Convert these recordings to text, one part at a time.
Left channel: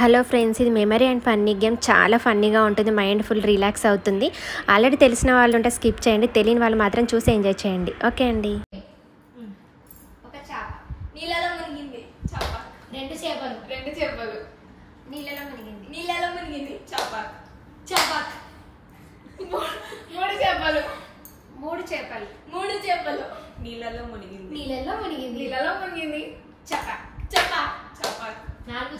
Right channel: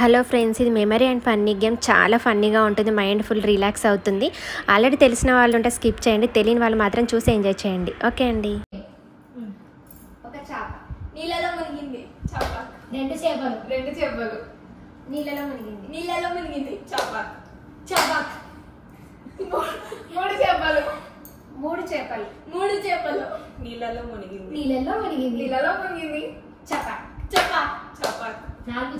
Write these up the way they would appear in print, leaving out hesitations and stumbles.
Hello friends, ఇది memory and funny game. చాలా ఫన్నీగా ఉంటుంది, మైండ్ ఫుల్ రిలాక్స్ అవుతుంది. ఆల్రెడీ తెలిసిన వాళ్ళు ఉంటే స్కిప్ చేయండి, తెలియని వాళ్ళు మాత్రం చూసి ఎంజాయ్ చేయండి. ఓకే అండి. ఒక చేప నీళ్ళలో మునిగింది. చేప. రెండు చేపలు నీళ్ళలో మునిగింది. చేప. మూడు చేపలు నీళ్ళలో మునిగింది. చేప. నాలుగు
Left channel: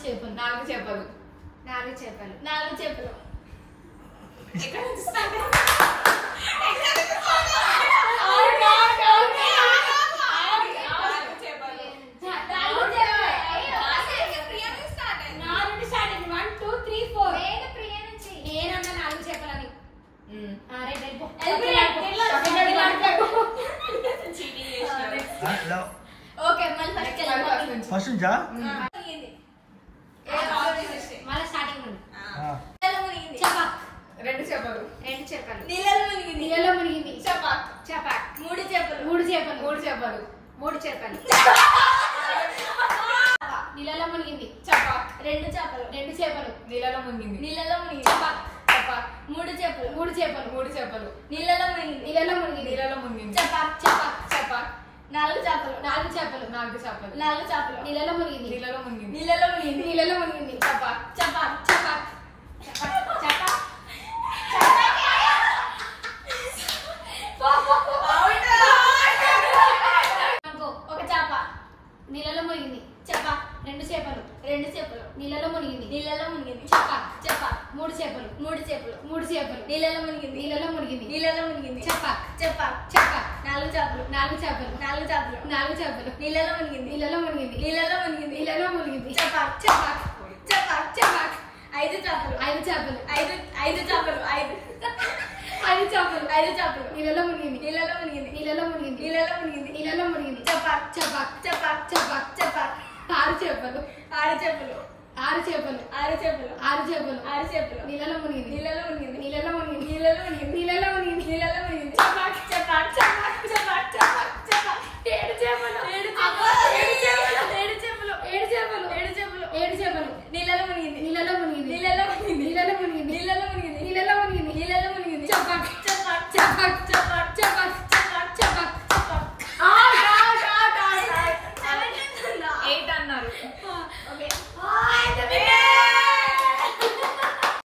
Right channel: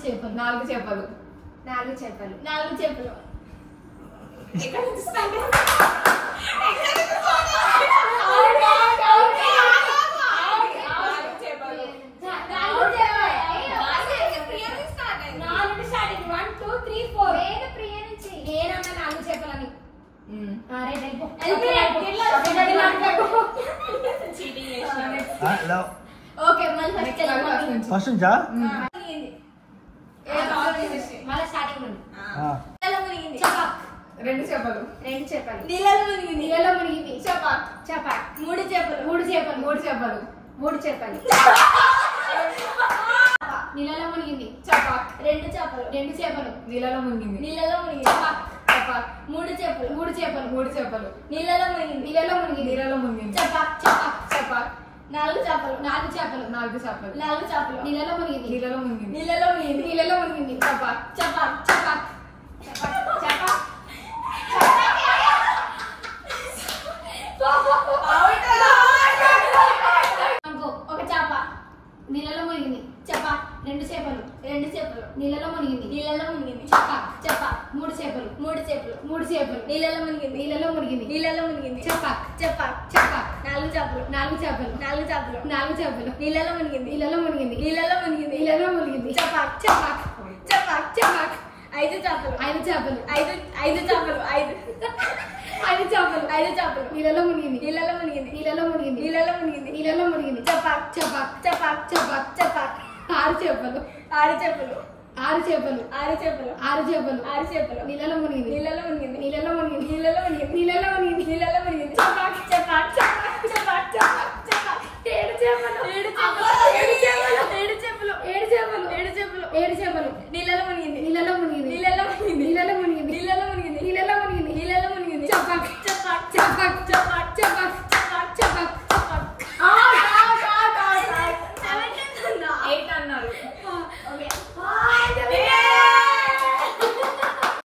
చేపలు ఎక్కడ నుంచి start? ఫస్ట్ నుంచా రెండు చేపలు నీళ్ళలో మునిగింది. చేప. మూడు చేపలు నీళ్ళలో మునిగింది. చేప. రెండు చేపలు నీళ్ళలో మునిగింది. చేప. మూడు చేపలు నీళ్ళలో మునిగింది. చేప. నాలుగు చేపలు నీళ్ళలో మునిగింది. నీళ్ళలో మునిగింది. చేప. ఒక చేప నీళ్ళలో మునిగింది. చేప. రెండు చేపలు నీళ్ళలో మునిగింది. చేప. మూడు చేపలు నీళ్ళలో మునిగింది. చేప. నాలుగు చేపలు నీళ్ళలో మునిగింది. చేప. ఐదు చేపలు నీళ్ళలో మునిగింది. చేప. ఆరు చేపలు నీళ్ళలో మునిగింది. నీళ్ళలో మునిగింది. చేప.